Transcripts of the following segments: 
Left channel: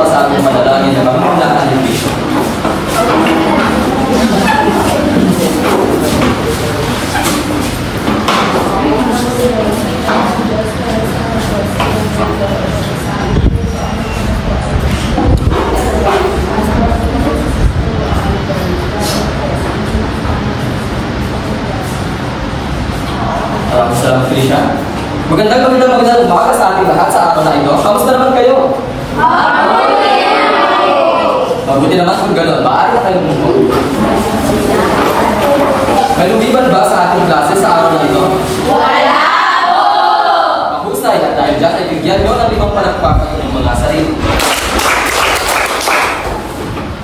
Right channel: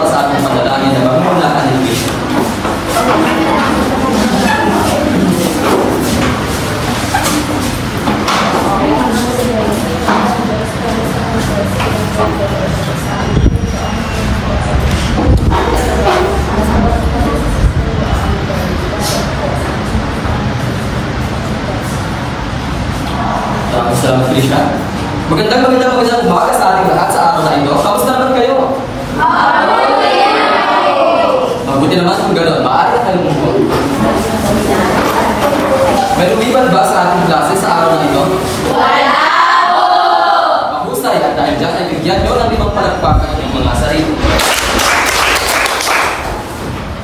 para sa ating panalangin na magmulakan ng Kristo. Salamat, Felicia. Magandang umaga sa ating lahat sa araw na ito. Kamusta naman kayo? Mabuti naman kung gano'n. Maaari na kayo mo. May lumiban ba sa ating klase sa araw na ito? Wala po! Mahusay at dahil dyan ay bigyan nyo ng 5 palakpakan ng mga sarili.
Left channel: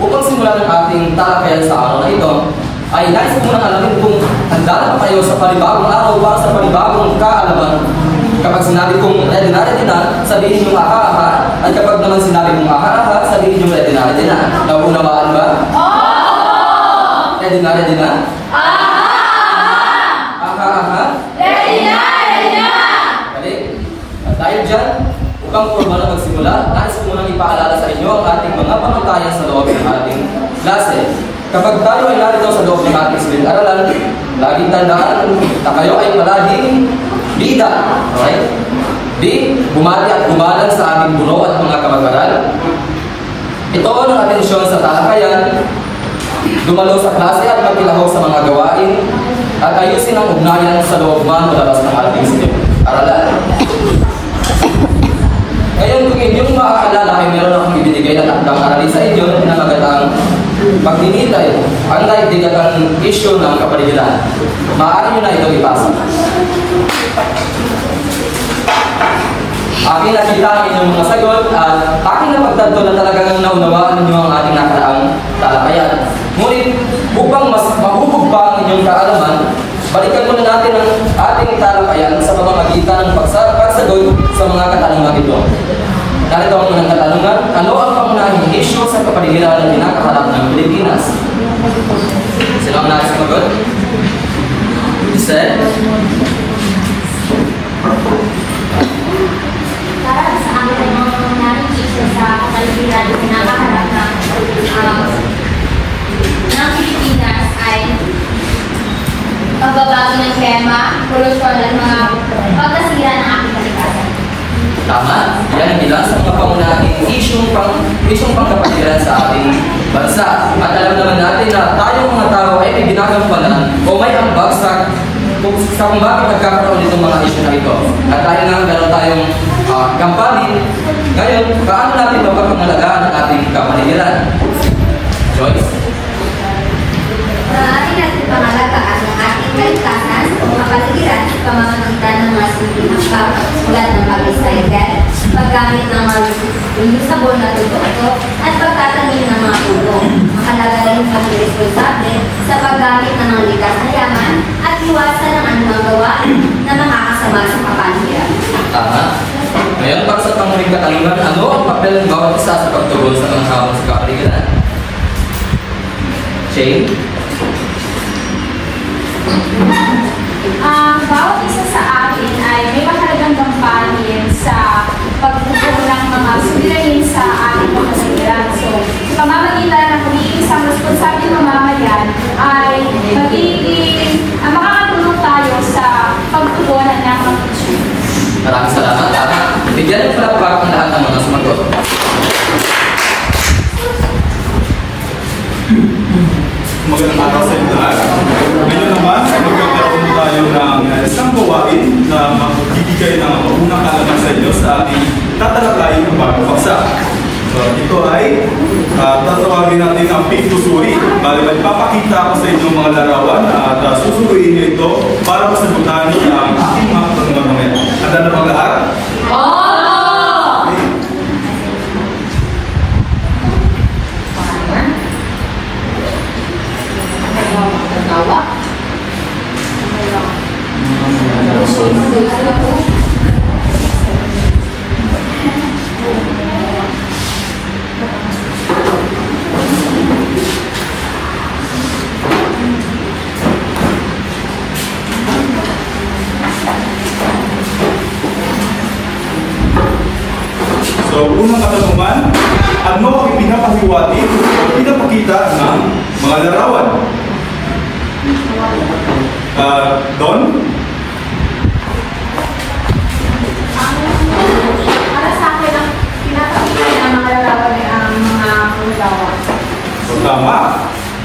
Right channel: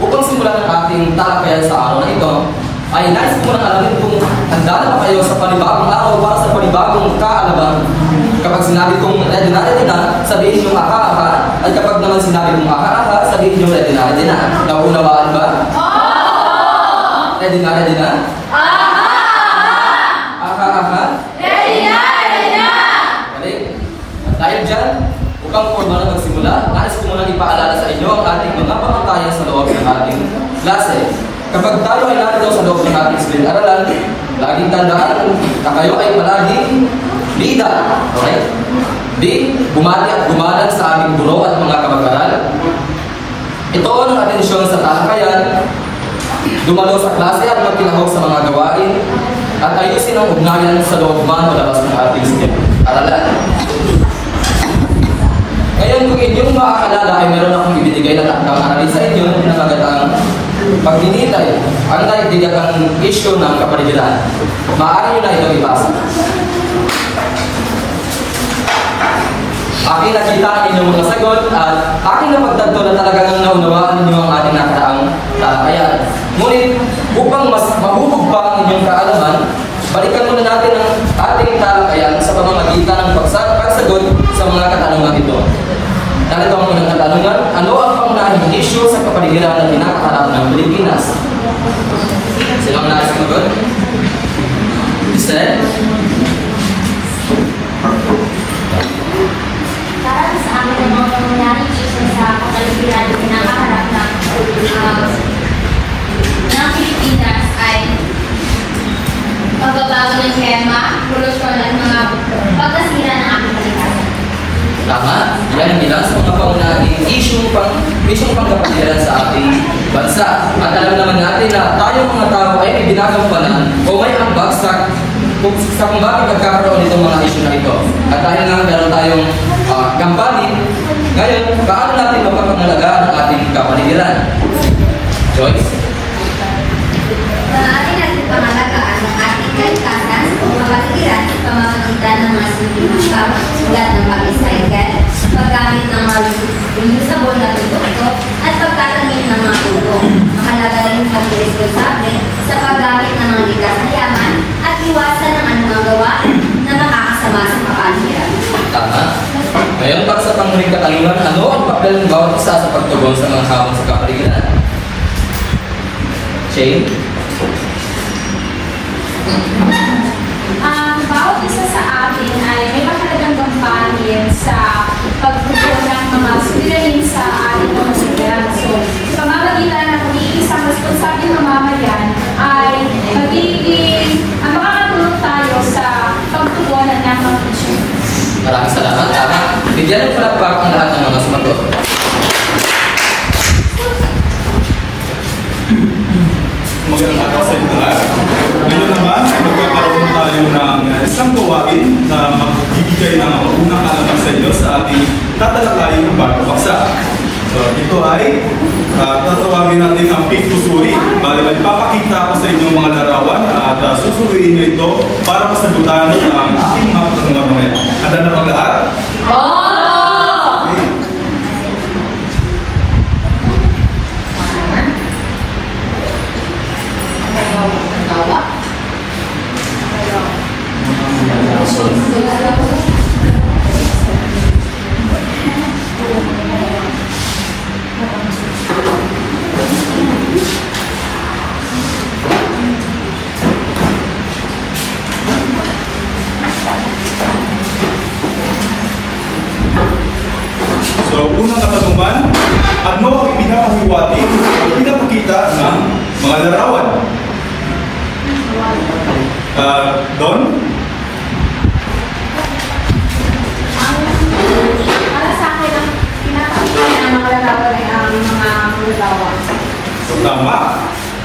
Upang simulan ang ating talakayan sa araw na ito, ay nais ko munang alamin kung handa na ba kayo sa panibagong araw para sa panibagong kaalaman. Kapag sinabi kong ready na, sabihin nyo aha-aha. At kapag naman sinabi kong aha-aha, sabihin nyo ready na. Naunawaan ba? Oo! Ready na? Aha-aha! Aha-aha? Ready na! Galing. At dahil dyan, upang formal na magsimula, nais ko munang ipaalala sa inyo ang ating mga pangantayan sa loob ng ating klase. Kapag tayo ay narito sa loob ng ating silid-aralan, laging tandaan na kayo ay palaging bida. Okay? Di bumati at gumalang sa ating guro at mga kabag-aral. Ito ang atensyon sa talakayan, dumalo sa klase at magkilahok sa mga gawain, at ayusin ang ugnayan sa loob man o labas ng ating silid-aralan. Ngayon, kung inyong maaalala ay meron akong ibinigay na takdang aralin sa inyo na pinamagatang pagdinitay ang naibigagang issue ng kapaligiran. Maaari nyo na itong ipasa. Aking nakita ang inyong mga sagot at aking napagtanto na talagang naunawaan ninyo ang ating nakaraang talakayan. Ngunit, upang mas mahubog pa ang inyong kaalaman, balikan muna natin ang ating talakayan sa pamamagitan ng pagsagot sa mga katanungan ito. Narito ang unang katanungan, ano ang pangunahing issue sa kapaligiran na pinakaharap ng Pilipinas? Sino ang nais sumagot? Sir? Para sa amin ang mga pangunahing issue sa kapaligiran na pinakaharap ng Pilipinas ay pagbabago ng klima, polusyon at mga pagkasira ng ating kalikasan. Tama. Yan ang ilan sa mga pangunahing isyong pangkapaligiran sa ating bansa. At alam naman natin na tayong mga tao ay may ginagampanan o may ambag sa kung bakit nagkakaroon itong mga isyu na ito. At dahil nga meron tayong kampanya, ngayon, paano natin mapapangalagaan ang ating kapaligiran? Joyce? Ating natin pangalagaan ang ating kalikasan o kapaligiran sa pamamagitan ng mga sintinakap tulad ng pag-recycle, paggamit ng mga reusable na produkto at pagtatamit ng mga puno. Mahalaga rin ang pag-responsable sa paggamit ng mga likas na yaman at iwasan ang anumang gawain na makakasama sa kapaligiran. Tama. Ngayon, para sa panghuling katanungan, ano ang papel ng bawat isa sa pagtugon sa mga hamon sa kapaligiran? Shane? Bawat isa sa atin ay may mahalagang gampanin sa pagtugon ng mga suliranin sa ating pamamagitan. So, sa pamamagitan ng pag-iisang responsable ng mamayan ay makakatulong tayo sa pagtugunan ng mga issue. Maraming salamat. Tama. Bigyan ng palakpakan lahat ng mga sumagot. Magandang araw sa inyo lahat. Ngayon naman, magkakaroon tayo ng isang gawain na magbibigay ng unang kaalaman sa inyo sa ating tatalakayin ng bagong paksa. So, ito ay tatawagin natin ang pink susuri. Bali, magpapakita ko sa inyo mga larawan at susuriin nyo ito para masagutan ang ating mga katanungan ngayon. Handa na bang lahat? mga larawan. Don? Para sa akin, ang pinatakasan ng mga larawan ay ang mga manggagawa. So tama.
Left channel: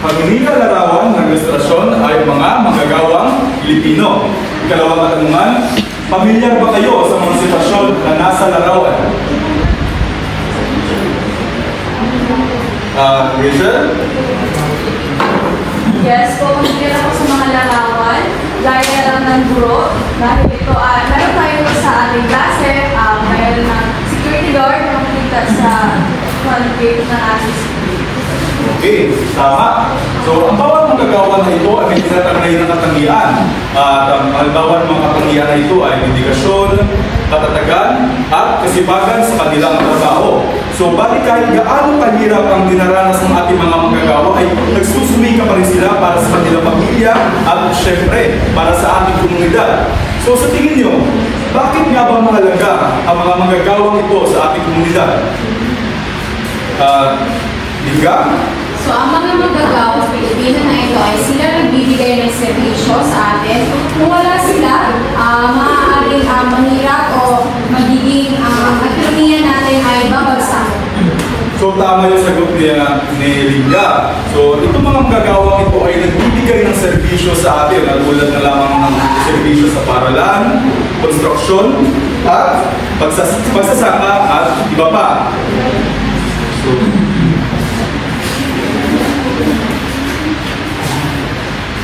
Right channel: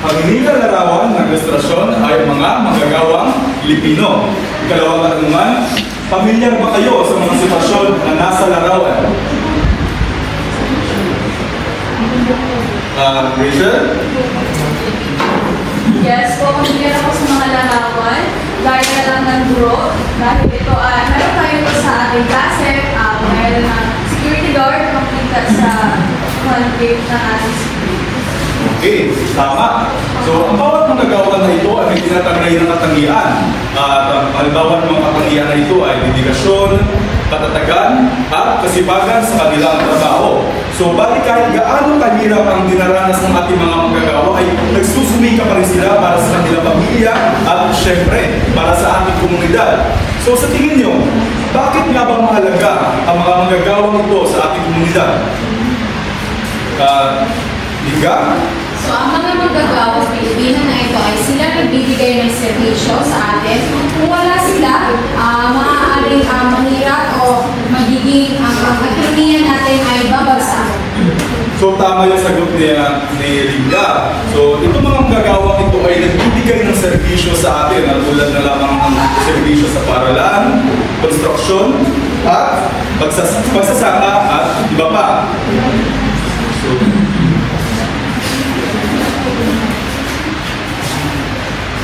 Ang nilalarawan ng ilustrasyon ay mga manggagawang Pilipino. Ikalawang katanungan, pamilyar ba kayo sa mga sitwasyon na nasa larawan? Rachel? Yes, po, pamilyar ako sa mga larawan. Gaya na lang ng guro. Dahil ito ay, meron tayo ito sa ating klase. Mayroon ng security guard na makikita sa quality na ating. Okay, tama. So, ang bawat manggagawa na ito ay may tinatangay ng katangian. Ang halimbawa ng mga katangian na ito ay dedikasyon, katatagan, at kasibagan sa kanilang trabaho. So, bali kahit gaano kahirap ang dinaranas ng ating mga manggagawa ay nagsusumika pa rin sila para sa kanilang pamilya at syempre para sa ating komunidad. So, sa tingin nyo, bakit nga ba mahalaga ang mga manggagawang ito sa ating komunidad? Diga? So, ang mga manggagawa sa Pilipinas na ito ay sila nagbibigay ng servisyo sa atin. Kung wala sila, maaaring mahirap o magiging ang ekonomiya natin ay babagsak. So, tama yung sagot ni Liga. So, itong mga manggagawa ito ay nagbibigay ng servisyo sa atin. Tulad na lamang ng servisyo sa paralan, construction, at pagsasaka at iba pa. So,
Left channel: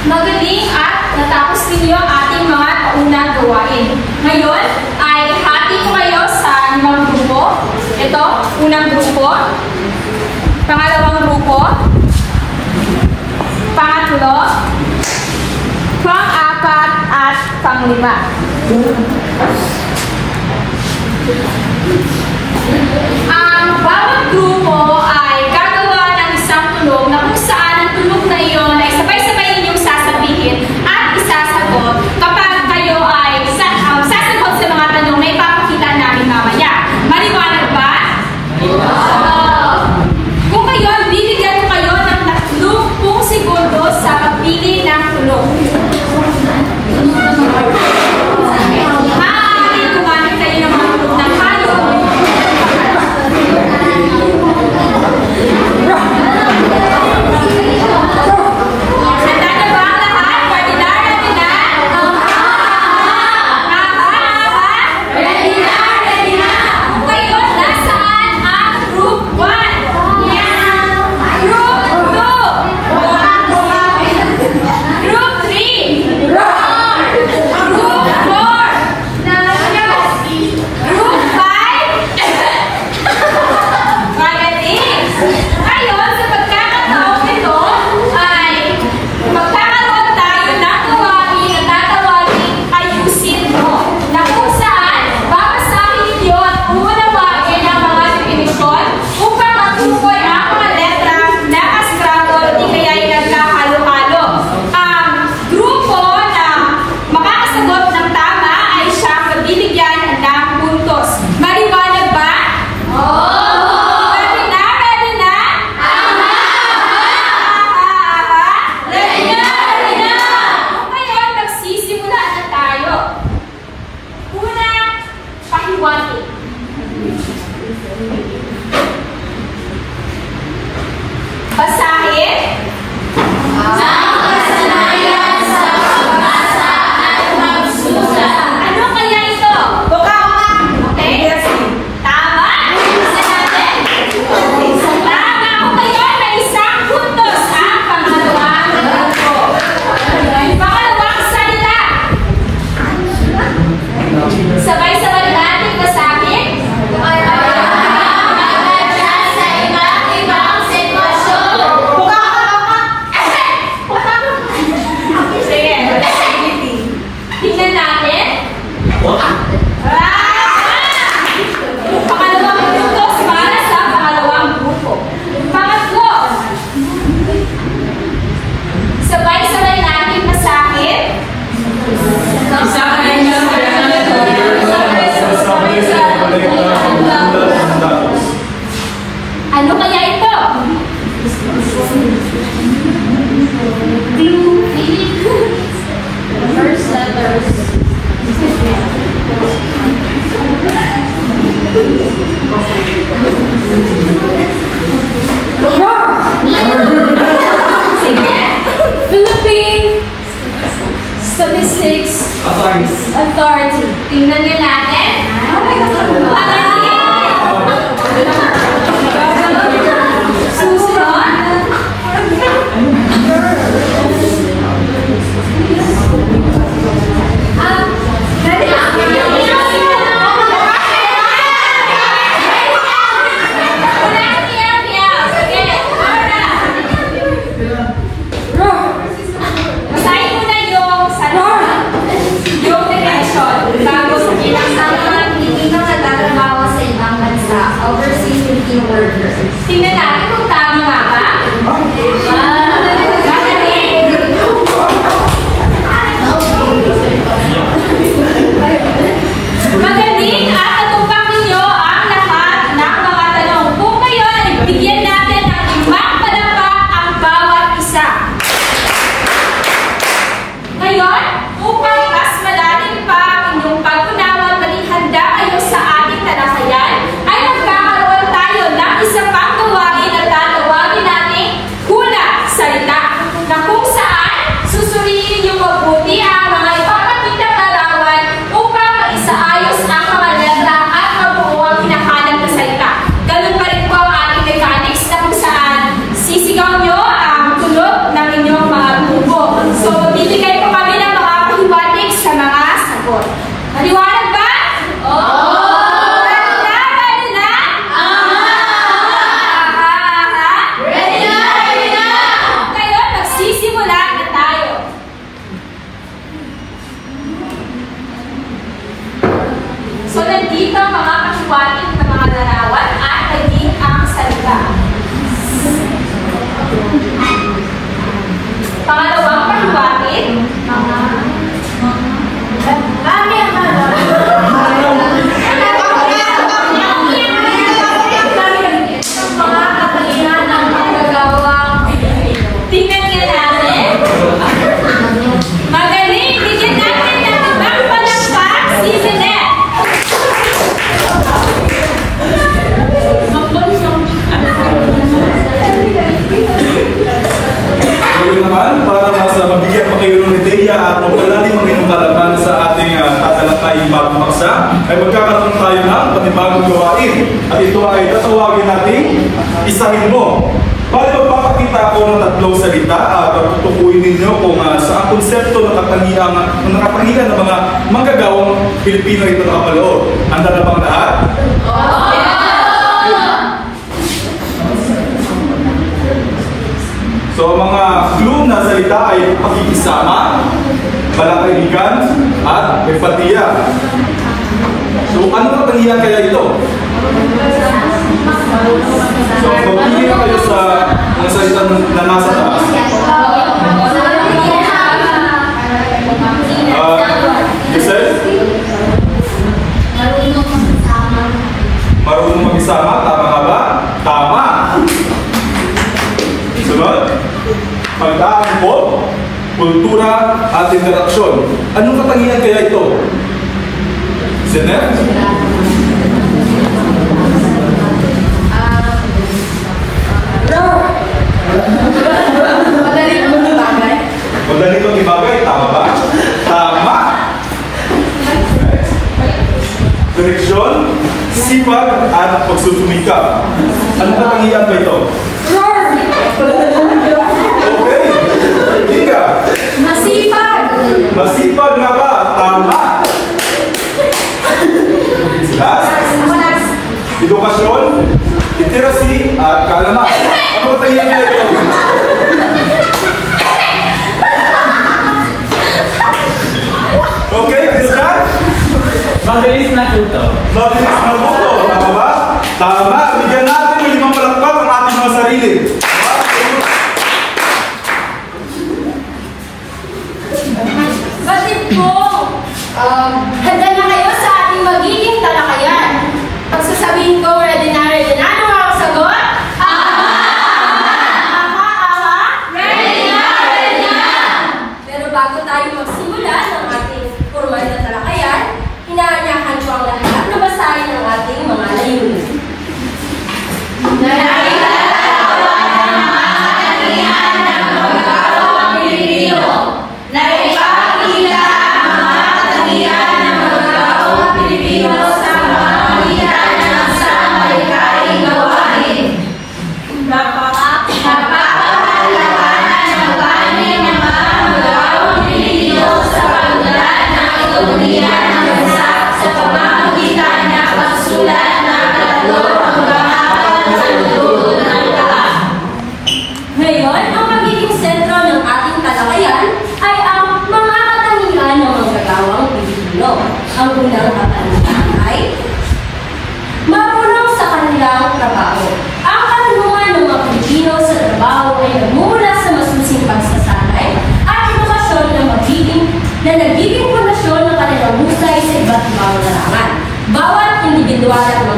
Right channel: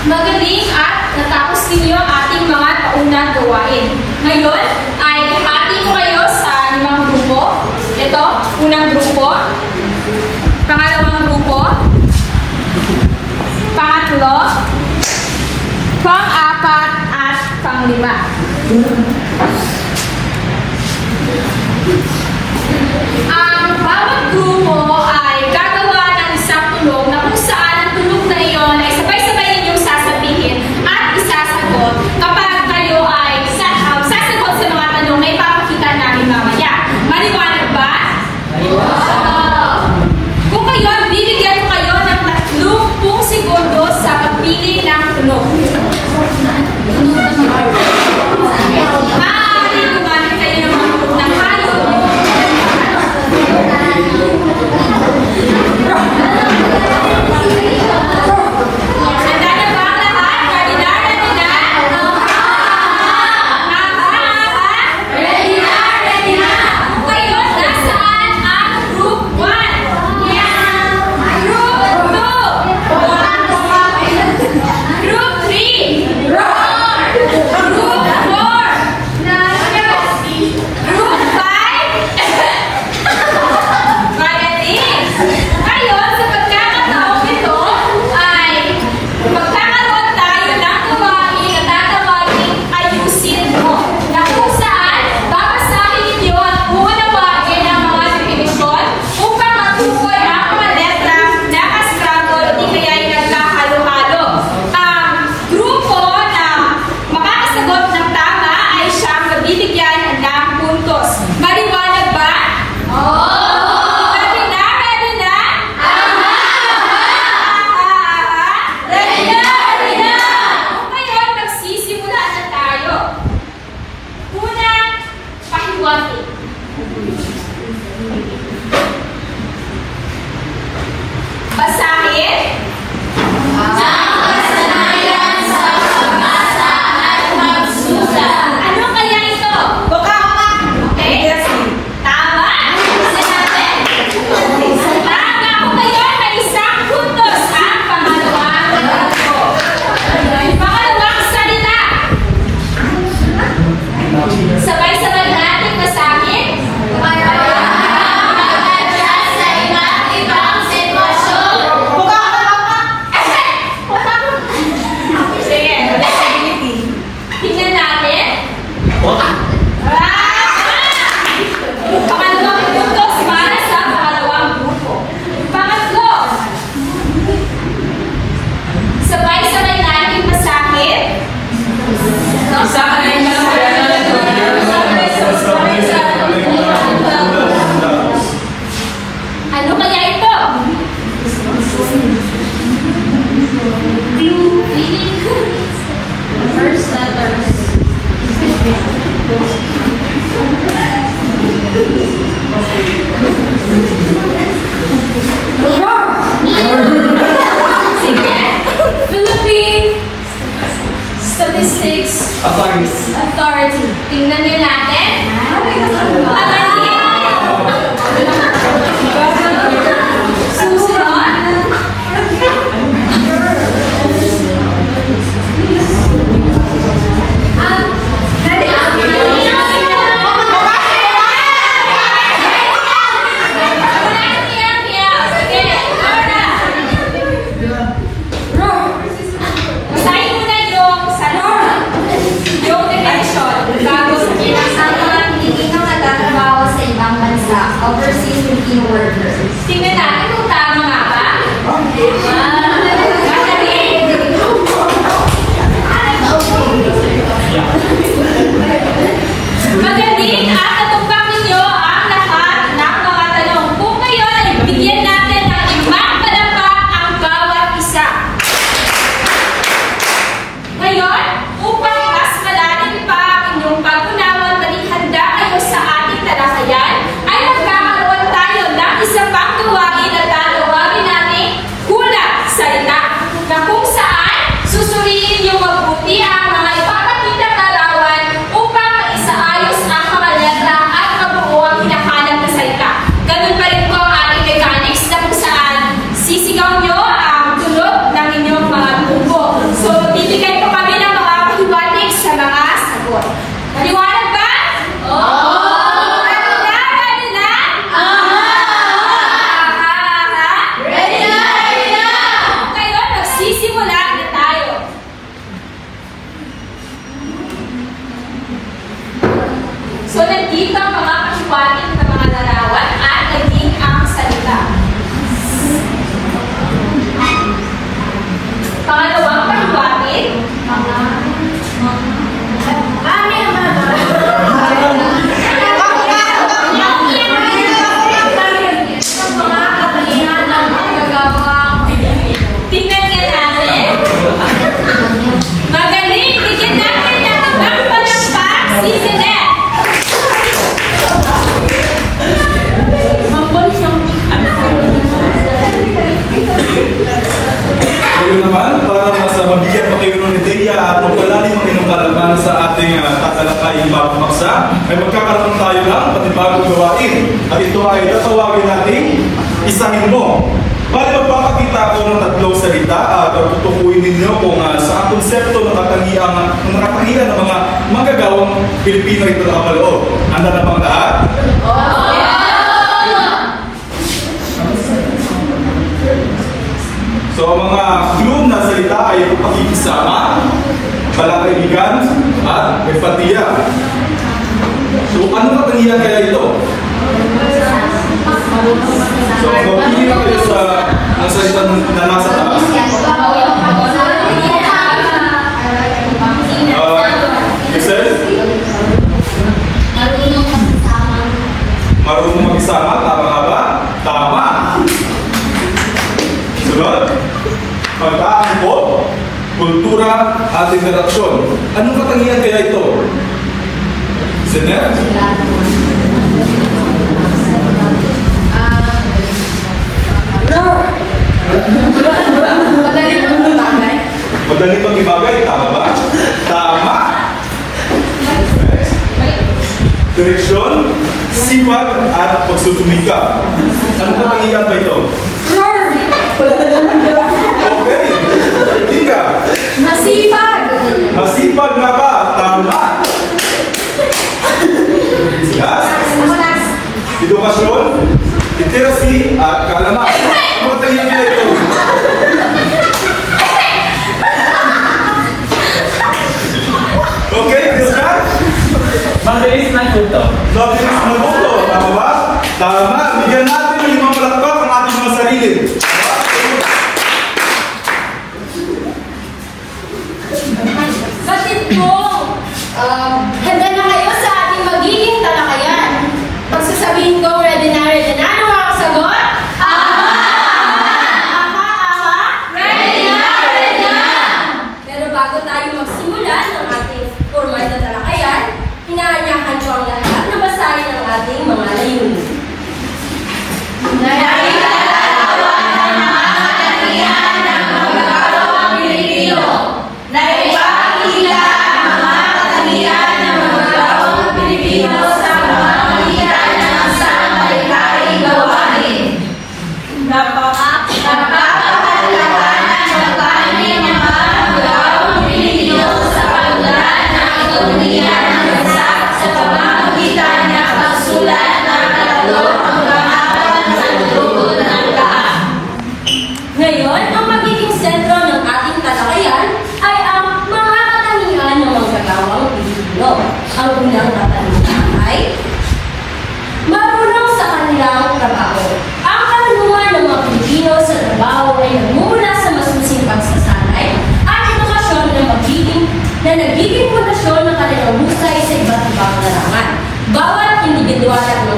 magaling at natapos ninyo ang ating mga kaunang gawain. Ngayon ay hati ko kayo sa limang grupo. Ito, unang grupo, pangalawang grupo, pangatlo, pang-apat at pang-lima. Ang bawat grupo ay gagawa ng isang tulong na kung saan ang tulong na iyon ay sabay-sabay ninyo sasabihin at isasagot kapag kayo ay sasagot sa mga tanong na ipapakita namin mamaya. Maliwanag ba? Kung kayo, bibigyan ko kayo ng 30 segundo sa pagpili ng tulong. Maaaring kumamit kayo ng mga tulong ng hayo. Handa na ba ang lahat? Ready na? Ready na? Ready na? Ready na? Kung kayo, nasaan ang Group 1? Group 2? Group 3? Group 4? Group 5? Magaling! Ngayon, sa pagkakataong ito, ay magkakaroon tayo ng gawain na tatawagin ayusin mo, na kung saan babasahin ninyo at unawain ang mga definisyon upang matukoy ang mga letra na kastruggle di kaya ay nagkahalo-halo. Ang grupo na makakasagot ng tama ay siyang magbibigyan ng puntos. Maliwanag ba? Ready na? Ready na? Ready na? Ready na? Kung ngayon, magsisimula na tayo. Una, pahiwati. Basahin. Ano kaya ito? Okay? Tama? Tama. Kung kayo may isang puntos ang pangalawang grupo. Pangalawang salita. Sabay-sabay natin basahin. Sa iba't ibang sitwasyon. Sige. Tingnan natin. Pangalawang puntos para sa pangalawang grupo. Pangatlo. Sabay-sabay natin basahin. Ano kaya ito? statistics, authority. Tingnan nyo natin. Sumunod. Basahin mo na yung yung definition. Bago sa pinaksaman, Hindi na nagtatrabaho sa ibang bansa. Overseas working worker. tingnan natin kung tama nga ba. Magaling at natumbang ninyo ang lahat ng mga tanong. Kung ngayon, bigyan natin ng ibang palakpak ang bawat isa. Ngayon, upang mas malalim pa ang inyong pagtunawan, maging handa kayo sa ating talakayan, ay magkakaroon tayo ng isa pang gawain at tatawagin natin hula salita, na kung saan susuriin yung mabuti ang mga ipapakita palawan upang mag-isaayos ang mga letra at mabuo ang pinakalat na salita. Ganun pa rin po ang ating mechanics na kung saan sisigaw nyo ang tunog ng inyong mga grupo. So, bibigay ko kami ng mga pahiwatig sa mga sagot. Maliwanag ba? Oo! Ready na? Ready na! Ready na! Ngayon, magsisimula na tayo. So, nandito ang mga pahiwatig ng mga larawan at naging ang salita. Pangalawang pahiwatig. Tingnan nga natin. Magaling! Bigyan natin ng ibang palakpak si Jeanette. Ngayon naman, para mas mabigyan pa kayo ng ideya at magpalalim ang inyong kalaman sa ating tatalakayin bagong paksa, ay magkakaroon tayo ng panibagong gawain. At ito ay tatawagin natin isahin mo. Bali magpapakita ako ng tatlong salita at tutukuyin ninyo kung saan konsepto nakatangian ng mga manggagawang Pilipino ito nakapaloob. Handa na bang lahat? So, ang mga clue na salita ay pakikisama, balakrigan, at empatiya. So, ano katangian kaya ito? So, magpili na kayo sa mga salita na nasa taas. Giselle? Marunong mag-isama, tama nga ba? Tama! Sunod, pagkaangkop, kultura at interaksyon. Anong katangian kaya ito? Jeanette? Madaling mag-ibagay, tama ba? Tama! Direksyon, sipag at pagsusumikap. Anong katangian ba ito? Okay. Ika. Masipag! Masipag na ba? Tama. Last. Edukasyon, literacy, at kaalaman. Ano tayo na ito? Okay, good that? Mabilis na ito. Mabilis na ito. Tama ba? Tama. Bigyan natin yung limang palakpak ang ating mga sarili. Batid po, handa na kayo sa ating magiging talakayan. Pag sasabihin ko, ready na, ano ang sagot? Ready na! Ready na! Pero bago tayo magsimula ng ating formal na talakayan, hinahanyakan ko ang lahat na basahin ang ating mga layunin. Nagpapakita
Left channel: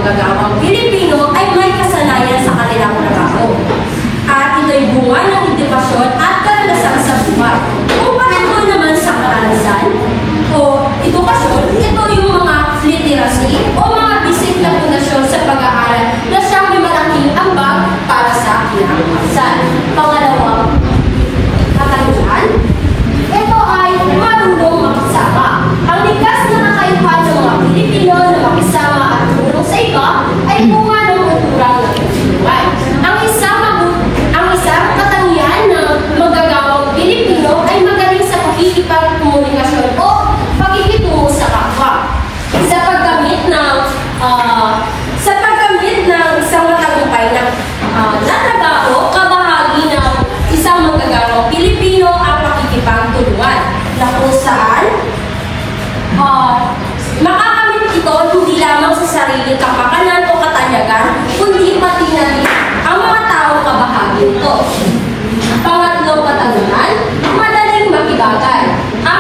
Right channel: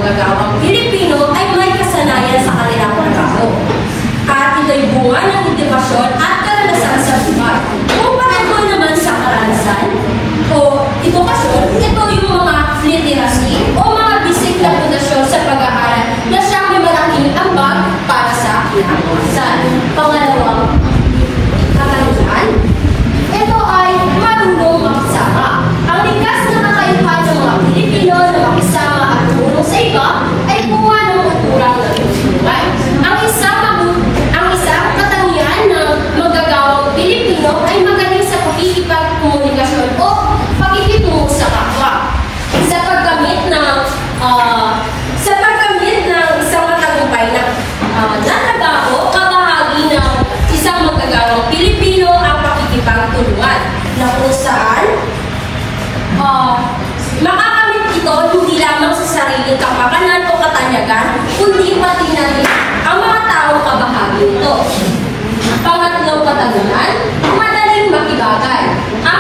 manggagawang Pilipino ay may kasanayan sa kanilang trabaho. At ito'y bunga ng edukasyon at karanasan sa buhay. Kumpara ko naman sa karanasan o edukasyon, ito yung mga literacy o mga basic na pundasyon sa pag-aaral na siyang may malaking ambag para sa kinabukasan. Pangalawang katanungan, ito ay marunong makisama. Ang likas na kakayahan ng mga Pilipino na makisama at tumulong sa iba ay bunga ng kulturang nagsusunuan. Ang isang katangian ng magagawang Pilipino ay magaling sa pakikipagkomunikasyon o pakikitungo sa kapwa. Sa paggamit ng isang matagumpay na trabaho, kabahagi ng isang magagawang Pilipino ang pakikipagtulungan na kung saan makakamit ito hindi lamang sa sariling kapakanan o katanyagan, kundi pati na ang mga taong kabahagi nito. Pangatlong katanungan, madaling makibagay. Ang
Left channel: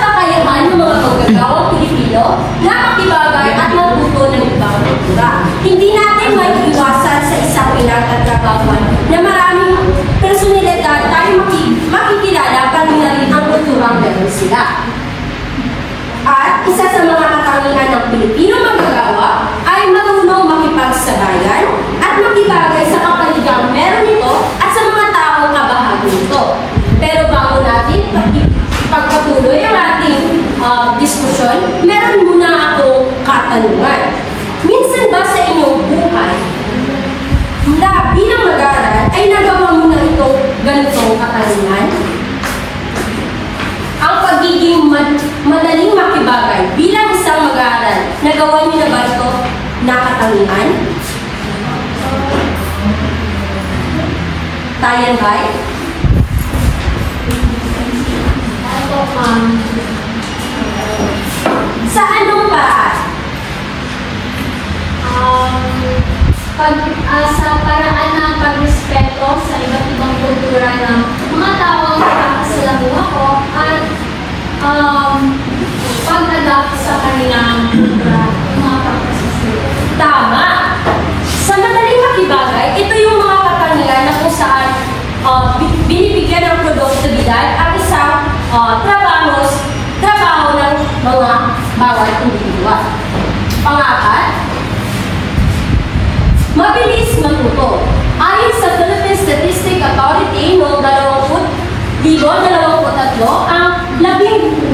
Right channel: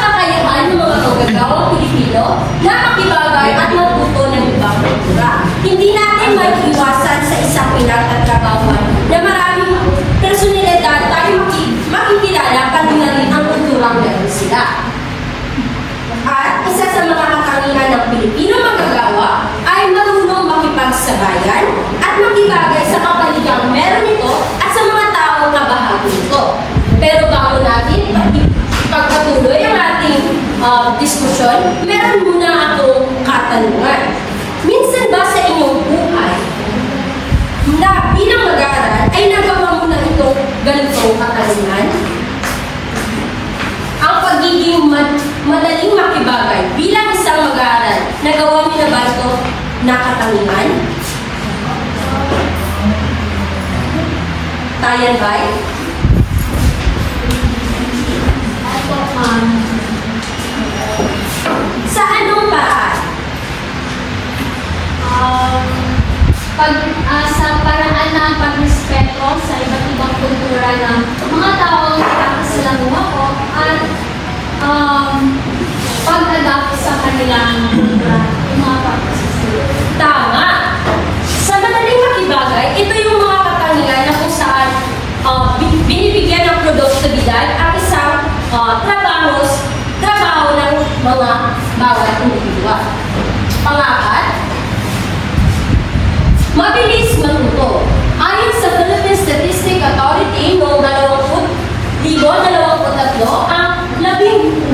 kakayahan ng mga magagawang Pilipino na makibagay at matuto ng ibang kultura. Hindi natin maiiwasan sa isang pinagtatrabahuan na maraming personalidad tayo makikilala pati na rin ang kulturang meron sila. At isa sa mga katangian ng Pilipino manggagawa ay marunong makipagsabayan at makibagay sa kapaligiran meron nito at sa mga taong kabahagi nito. Pero bago natin pagpatuloy ang ating diskusyon, meron muna akong katanungan. Minsan ba sa inyong buhay na bilang mag-aaral ay nagawa mo na itong ganitong katanungan? Ang pagiging madaling makibagay bilang isang mag-aaral, nagawa niyo na ba ito na katangian? Tayan ba? Ito, sa anong paraan? Sa paraan ng pagrespeto sa iba't ibang kultura ng mga taong nakakasalamuha ko at pag-adapt sa kanilang kultura, mga pagkasasalit. Tama! Sa madaling makibagay, ito yung mga katangian na kung saan binibigyan ng produktibidad at isang trabaho ng mga bawat individual. Pangapat, mabilis matuto. Ayon sa Philippine Statistic Authority noong 2023, ang 78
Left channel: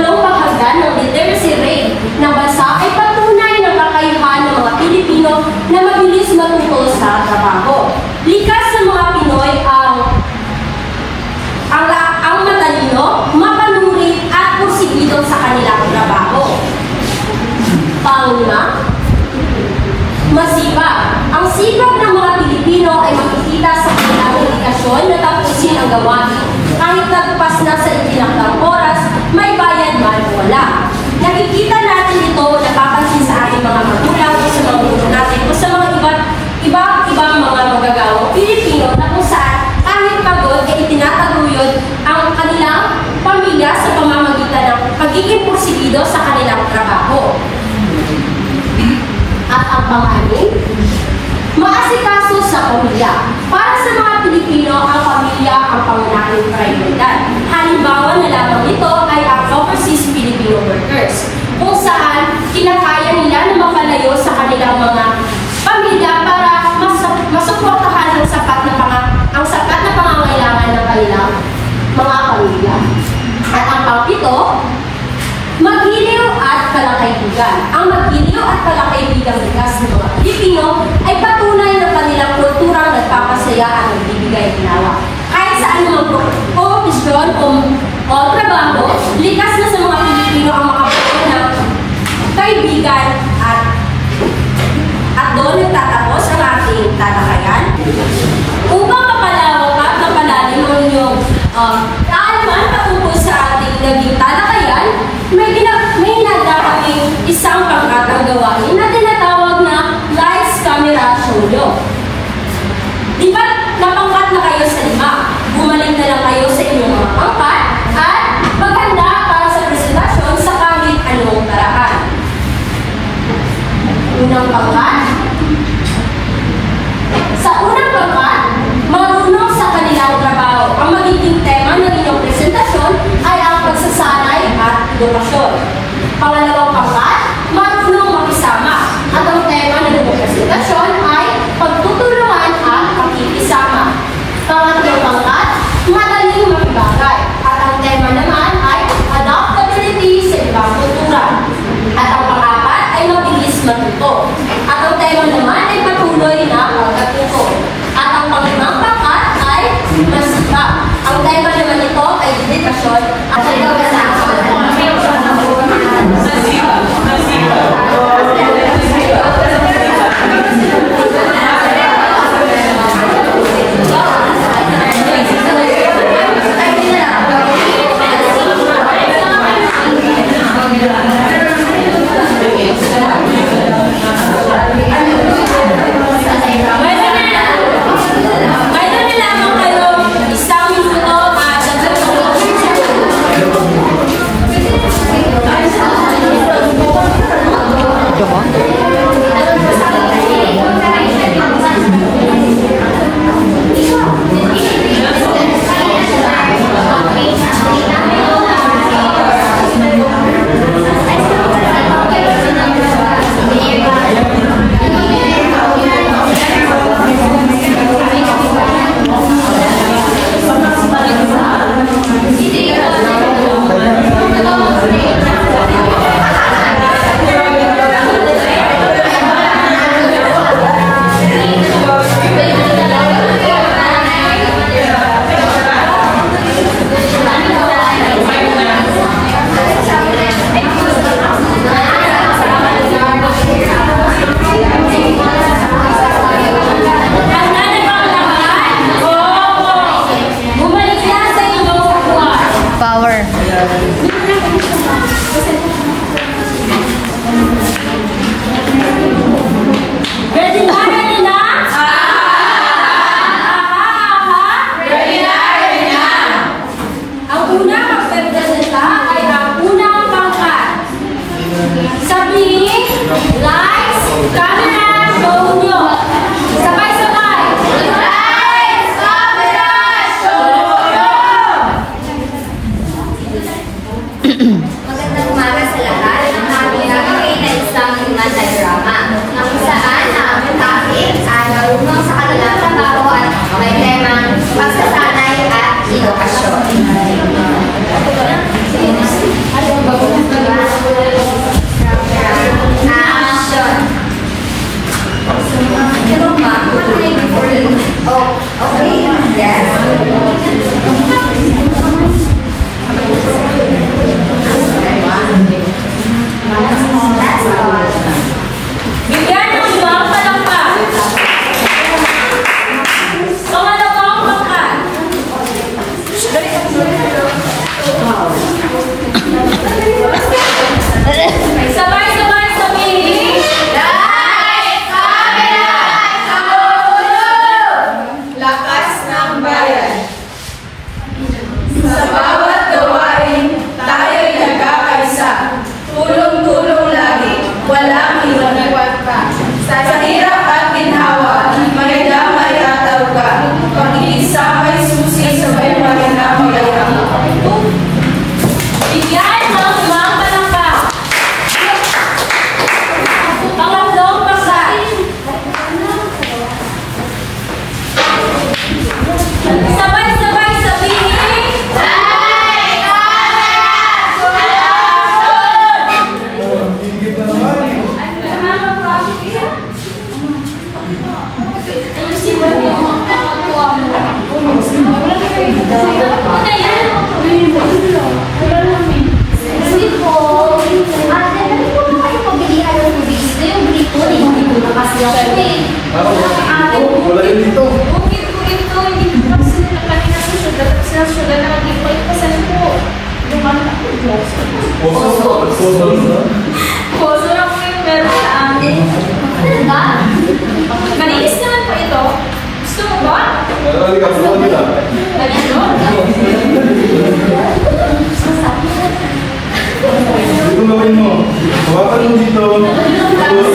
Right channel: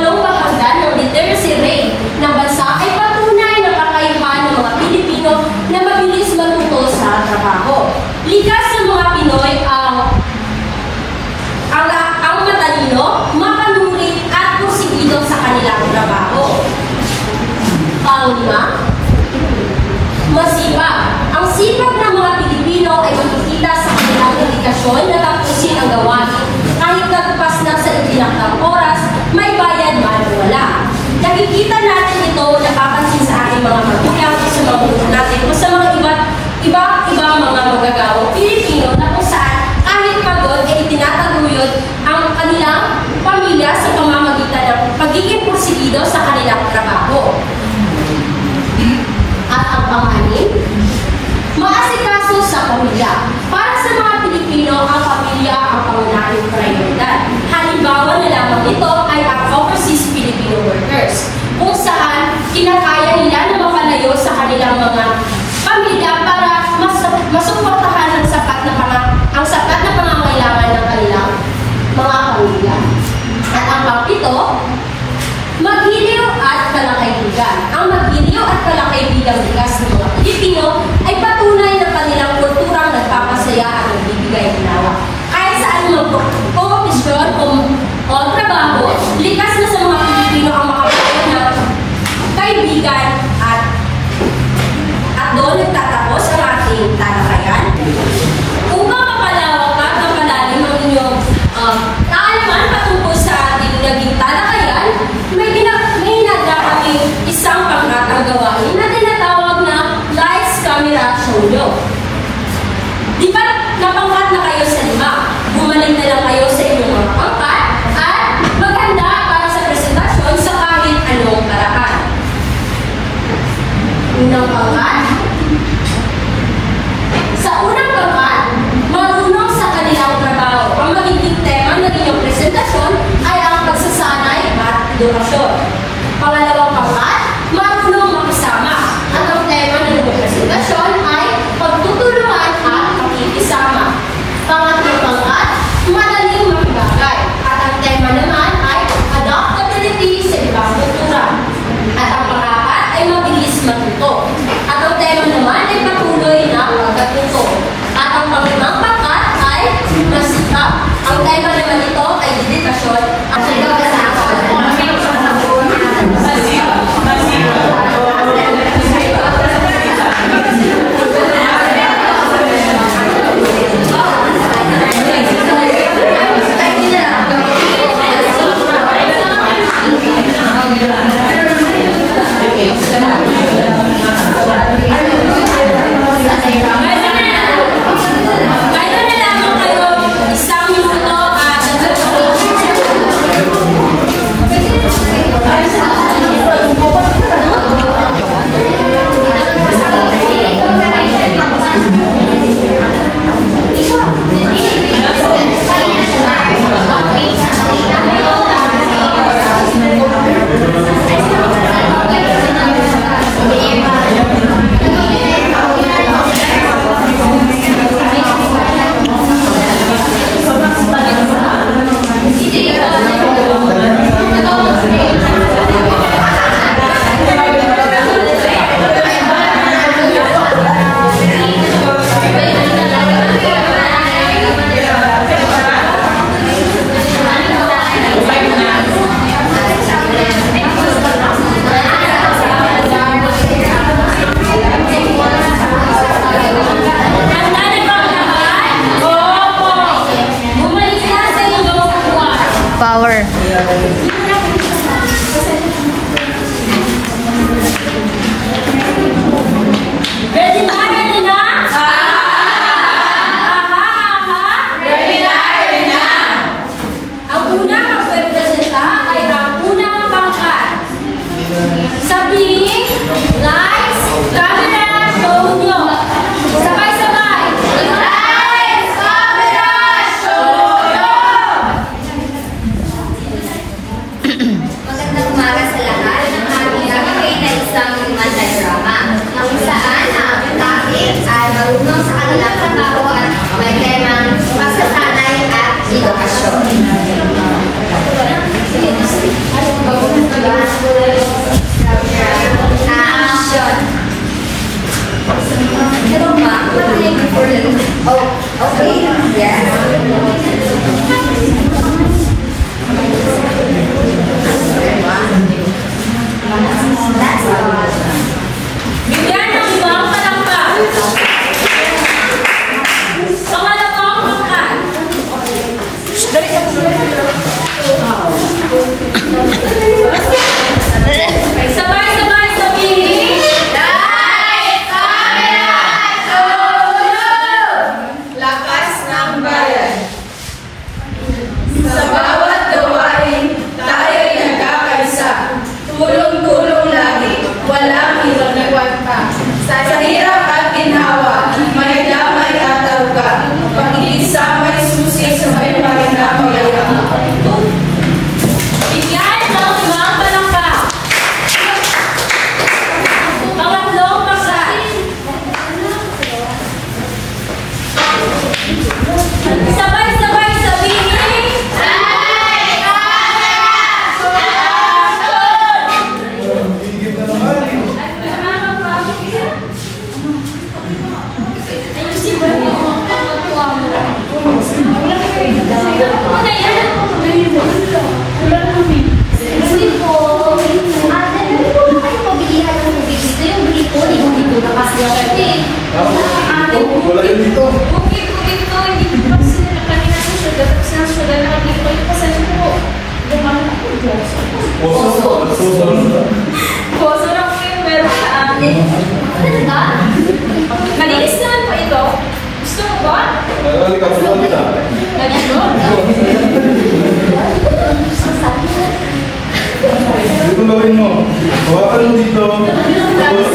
bahagdan ng literacy rate ng bansa ay patunay ng kakayahan ng mga Pilipino na mabilis matuto sa trabaho. Likas sa mga Pinoy ang matalino, mapanuri at porsigido sa kanilang trabaho. Panglima, masipag. Ang sipag ng mga Pilipino ay makikita sa kanilang dedikasyon na tapusin ang gawain. Kahit nagpas na sa itinakdang oras, may bayad man o wala. Nakikita natin ito, napapansin sa ating mga magulang o sa mga guro natin o sa mga ibang mga magagawang Pilipino na kung saan kahit pagod ay tinataguyod ang kanilang pamilya sa pamamagitan ng pagiging porsigido sa kanilang trabaho. At ang panganin, maasikaso sa pamilya. Para sa mga Pilipino, ang pamilya ang pangunahing prioridad. Halimbawa na lamang ito ay ang overseas Filipino workers, kung saan kinakaya nila na mapalayo sa kanilang mga pamilya para masuportahan ang sapat na pangangailangan ng kanilang mga pamilya. At ang pang-ito, mag-iliw at kalakaibigan. Ang mag-iliw at kalakaibigan bigas ng mga Pilipino ay patunay ng kanilang kulturang nagpapasaya at nagbibigay ginawa. Kahit sa anumang kompetisyon o trabaho, likas na sa mga Pilipino ang makabuo ng kaibigan at doon nagtatapos ang ating talakayan. Upang mapalawak at mapalalim ang inyong kaalaman patungkol sa ating naging talakayan, may nagkakaking isang pangkakagawain na tinatawag na lights, camera, show. Di ba napangkat na kayo sa pangkat? Sa unang pangkat, marunong sa kanilang trabaho. Ang magiging tema ng inyong presentasyon ay ang pagsasanay at edukasyon. Pangalawang pangkat, marunong makisama. At ang tema ng inyong presentasyon ay pagtutulungan at pakikisama. Pangatlong pangkat, madaling makibagay. At ang tema naman ay adaptability sa ibang kultura. At ang pang-apat ay mabilis matuto. At ang tema naman ay patuloy na pagkatuto. At ang pang-limang pangkat ay masikap. Ang tema naman ito ay dedikasyon at power. Ready na? Ready na? Ready na? Ready na? Ang unang magpresenta ay ang unang pangkat. Sabihin, lights, camera, show nyo. Sabay-sabay. Lights, camera, show nyo. Magandang umaga sa lahat. Ang aking gagawin ay isang diagrama na kung saan ang topic ay marunong sa kanilang trabaho at may temang pagsasanay at edukasyon. Action! Pero ma, what can I do for you? Oh, okay. Yes. That's all. Bigyan ng ibang palangka. Pangalawang pangkat. Sabay-sabay sabihin. Light, camera, show! Lakas ng bayan. Sa bawat gawain, tayo'y nagkakaisa. Tulong-tulong lagi, walang iniwan pa. Sa hirap at ginhawa, may damay at alka. Pag-iisa may susi, sabay malinamay ang bigyan ng ibang palangka. Pangatlong pangkat. Sabay-sabay sabihin. Light, Wala yun dito. Poso lang po yung meron sa amin. Talaga? Malinis naman po ito. Gusto mo ba? Marami ka, suwan kita. Ganito? Dito gawin mo. Hawakan mo dito. Tapos,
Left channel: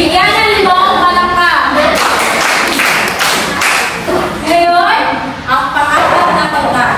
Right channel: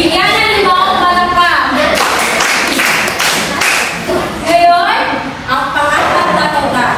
Bigyan ng 5 palakpak. Ngayon, ang pang-apat na pangkat.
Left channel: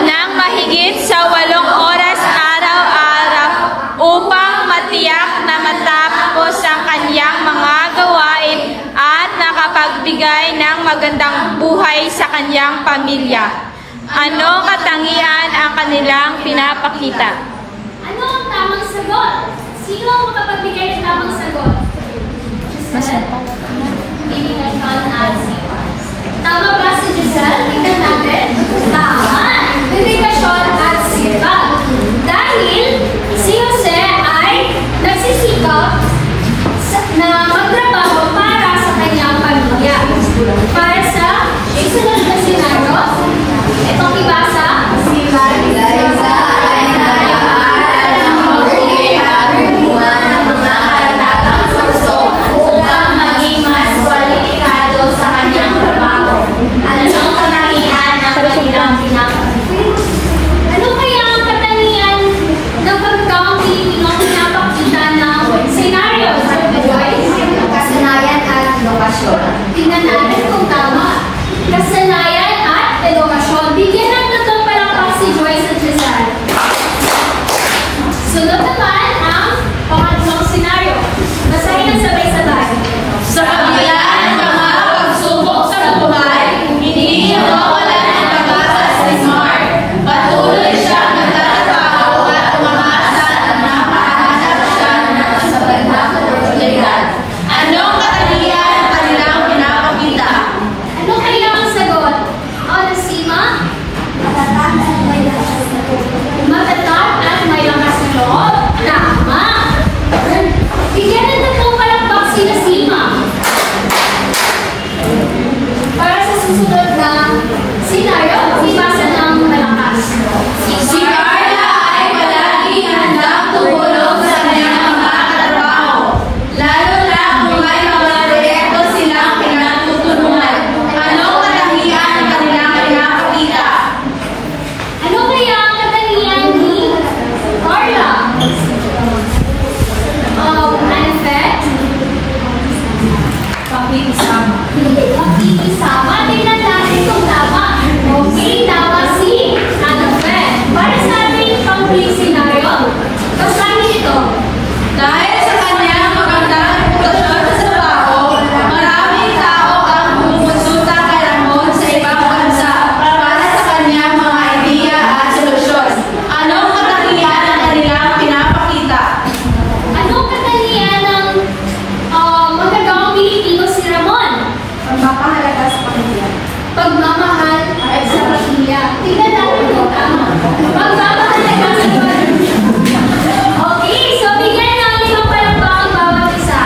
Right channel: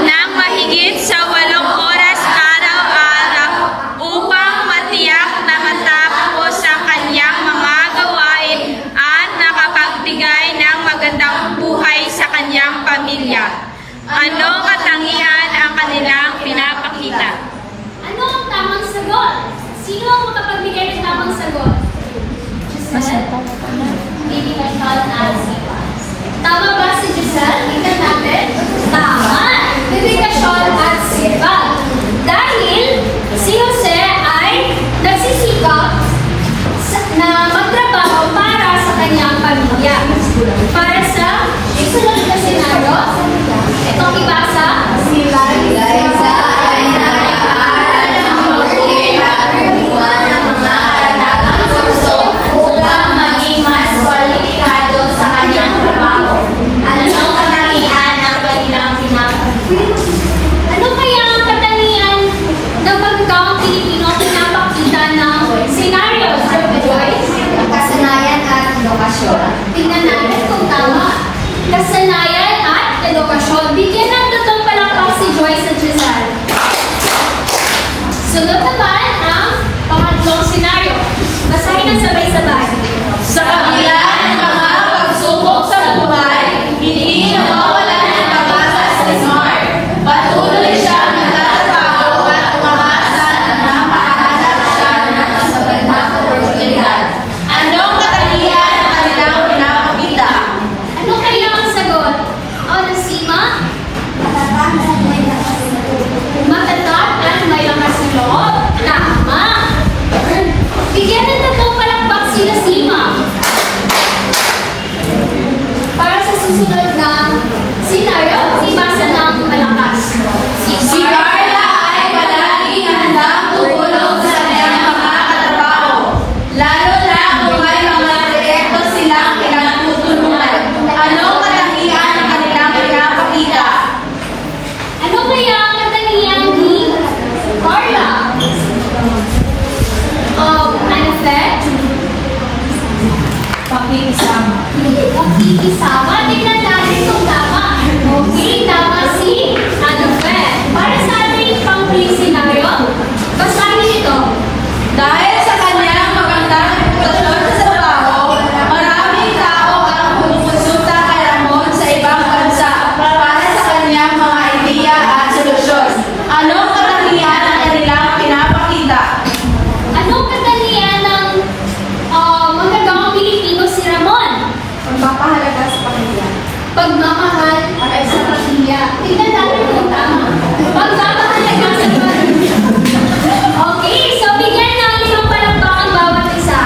Nang mahigit sa 8 oras araw-araw upang matiyak na matapos ang kanyang mga gawain at nakapagbigay ng magandang buhay sa kanyang pamilya. Ano katangian ang kanilang pinapakita? Ano ang tamang sagot? Sino ang makapagbigay ng tamang sagot? Tama ba si Giselle? Tingnan natin. Tama! Dedikasyon at sipag. Dahil si Jose ay nagsisikap na magtrabaho para sa kanyang pamilya. Para sa isunod na senaryo, itong ibasa, tingnan natin kung tama. Kasanayan at edukasyon. Bigyan ng 3 palakpak si Joyce at Giselle. Sunod naman ang pangatlong senaryo. Basahin ang sabay-sabay. Sa kabila ng mga pagsubok sa buhay, hindi nawawala ng pag-asa sa Smart. Patuloy siya nagtatrabaho at umasa na mapahanap siya ng kasabat na oportunidad. Anong katangian ang kanilang pinapakita? Ano kaya ang sagot? Onesima? Matatag at may lakas na loob? Tama! Bigyan ng tatlong palakpak sila Sima. Para sa susunod na senaryo, ibasa ng malakas. Si Carla ay palaging handang tumulong sa kanyang mga katrabaho, lalo na kung may mga proyekto silang pinatutulungan. Anong katangian ang kanilang pinapakita? Ano kaya ang katangian ni Carla? Effect? Pakikisama. Pakikisama. Tingnan natin kung tama. Okay, tama si Annabeth. Para sa ating pang-click scenario, basahin ito. Dahil sa kanyang magandang reputasyon sa trabaho, maraming tao ang pumupunta kay Ramon sa ibang bansa para sa kanyang mga ideya at solusyon. Anong katangian ang kanilang pinapakita? Anong katangian ng magagawang Pilipino si Ramon? Pagpapahalaga sa pamilya. Pagmamahal at sa pamilya. Tingnan natin kung tama. Pagmamahalaga sa pamilya. Okay, so bigyan ng 5 palakpak ang bawat isa.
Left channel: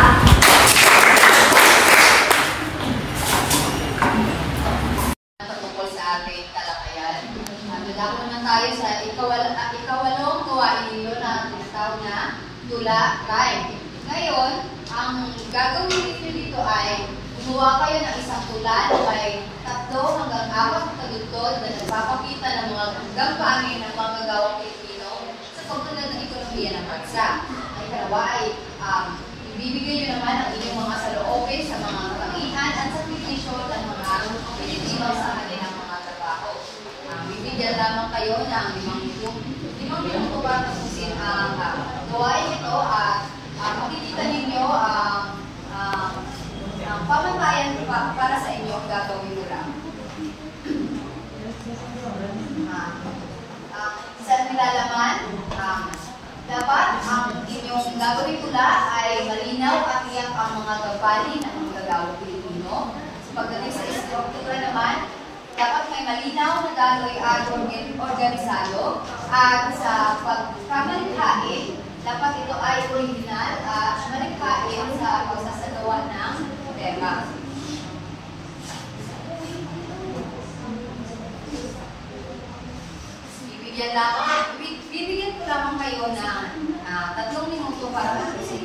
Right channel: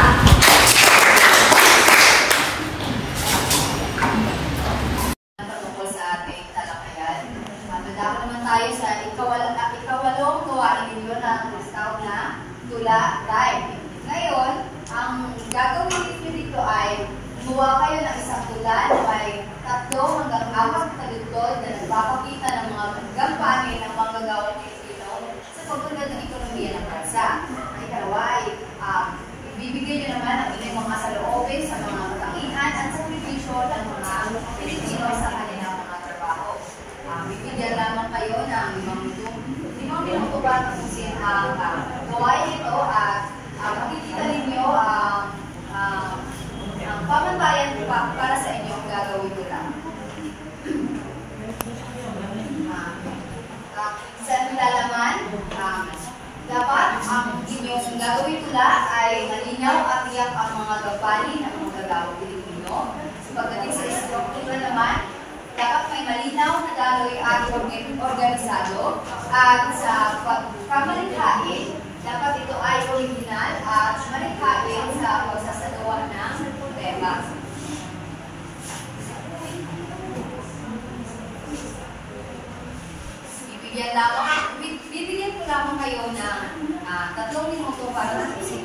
Patungkol sa ating talakayan. Dadako naman tayo sa ikawalong gawain ninyo na tawag na tula rhyme. Ngayon, ang gagawin ninyo dito ay gumawa kayo ng isang tula na may 3 hanggang 4 na tagutod na nagpapakita ng mga gampanin ng mga gagawang Pilipino sa pagpunod ng ekonomiya ng bansa. Ang ikalawa ay ibibigay nyo naman ang inyong mga saloobin sa mga kapangihan at sakripisyo ng mga Pilipino sa kanilang mga trabaho. Bibigyan lamang kayo ng 5 minuto para tapusin ang gawain ito at makikita ninyo ang pamantayan para sa inyong gagawin tula. Sa nilalaman, dapat ang inyong gagawin tula ay malinaw at tiyak ang mga gampanin ng mga gagawang Pilipino. So, pagdating sa istruktura naman, dapat may malinaw na daloy at organisado at sa pagkamalikhain, dapat ito ay original at malikhain sa pagsasagawa ng tema. Bibigyan ko lamang kayo ng 3 minuto para tapusin